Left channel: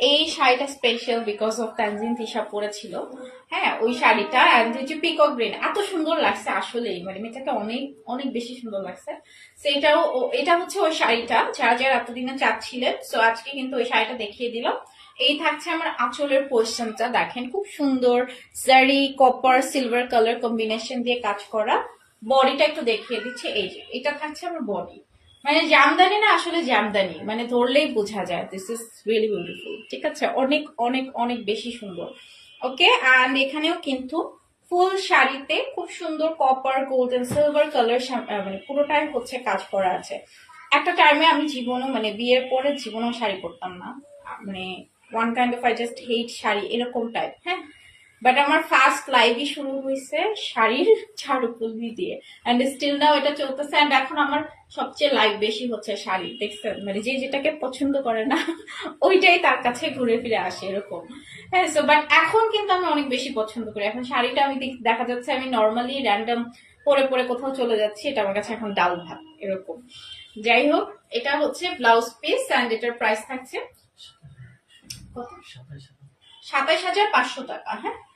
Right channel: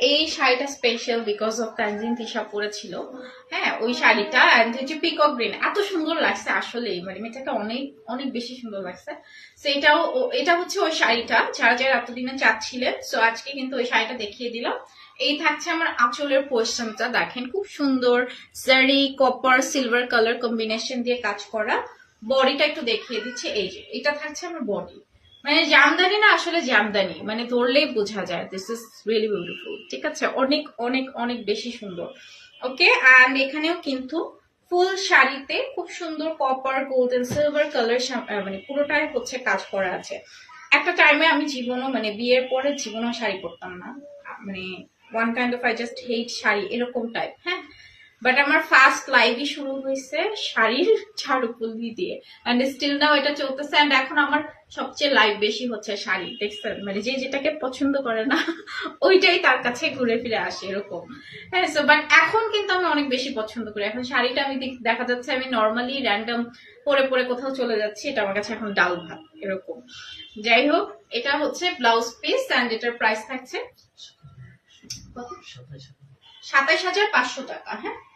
এই শাড়িটা special because of Tanjin Tisha পরেছিল। হ্যাঁ ওই শাড়িটা অ্যান্ড হচ্ছে পিকক গ্রিন এত সুন্দর লাগছে আসলেই। মানে মেয়েটাকে অনেক অনেক বেশি সুন্দর লাগছে। সো এটাও, ও- এটা হচ্ছে ওই শাড়িটা, যারা যারা এতদিনে চাচ্ছিলেন সো আজকে কিন্তু ওই শাড়িটা দেখিয়ে দিলাম। এই থাকছে আমার আঁচলের পোর্শনটা দেখেন, খুব সুন্দর জারি কপার সিলভার কালার কম্বিনেশন দিয়ে কাজ করা। বডিটা একটু দেখিয়ে দিচ্ছে, এই যে, এটা থাকছে আমার বডি মানে জামদানি না আসলে জামদানি মানে ধরলেই বোঝা যায় দিস ইজ রিয়েলি বিউটিফুল ঠিক আছে? অনেক অনেক অনেক বেশি সুন্দর। ওকে অ্যান্ড এখানেও কিন্তু ফুল শাড়িতে খুব সুন্দর কপার গোল্ডেন সিলভার কালার মানে পুরোটাই হচ্ছে কাজ করা আছে। একটা টাইমে আমি জীবনও মানে বিয়ের পরে জীবনও শাড়ি পরতাম না। মানে one kind of I just hate sari, এরকম টাইপ হ্যাঁ? বাট আমার ফার্স্ট লাইভই শুরু হয়েছে শাড়ির ঝাড়ুপুলি দিয়ে অ্যান্ড স্টিল নাও এটা চলতেছে অ্যান্ড এখন আমার সবচেয়ে লাইভ বেশি হচ্ছে শাড়ি দেখছেন? মানে যে যেটাকে পছন্দ করে না ওইটাই তার কাছে ঘুরে ফিরে আসে এরকম। হ্যাঁ সো বাট এখন কিন্তু আমি অনেক বেশি পছন্দ করি। এখন শাড়িটা আমি দেখ- যাচ্ছে আমি নর্মালি র্যান্ডম পরে পরে কোথাও চলে যাচ্ছি এটা আমার কাছে এখন ডাল ভাত এরকম। যাই হোক এটা হচ্ছে ব্লাউজ পিস অ্যান্ড এটার প্রাইস থাকছে কত সাতাইশ হাজার পাঁচশো টাকা হ্যাঁ?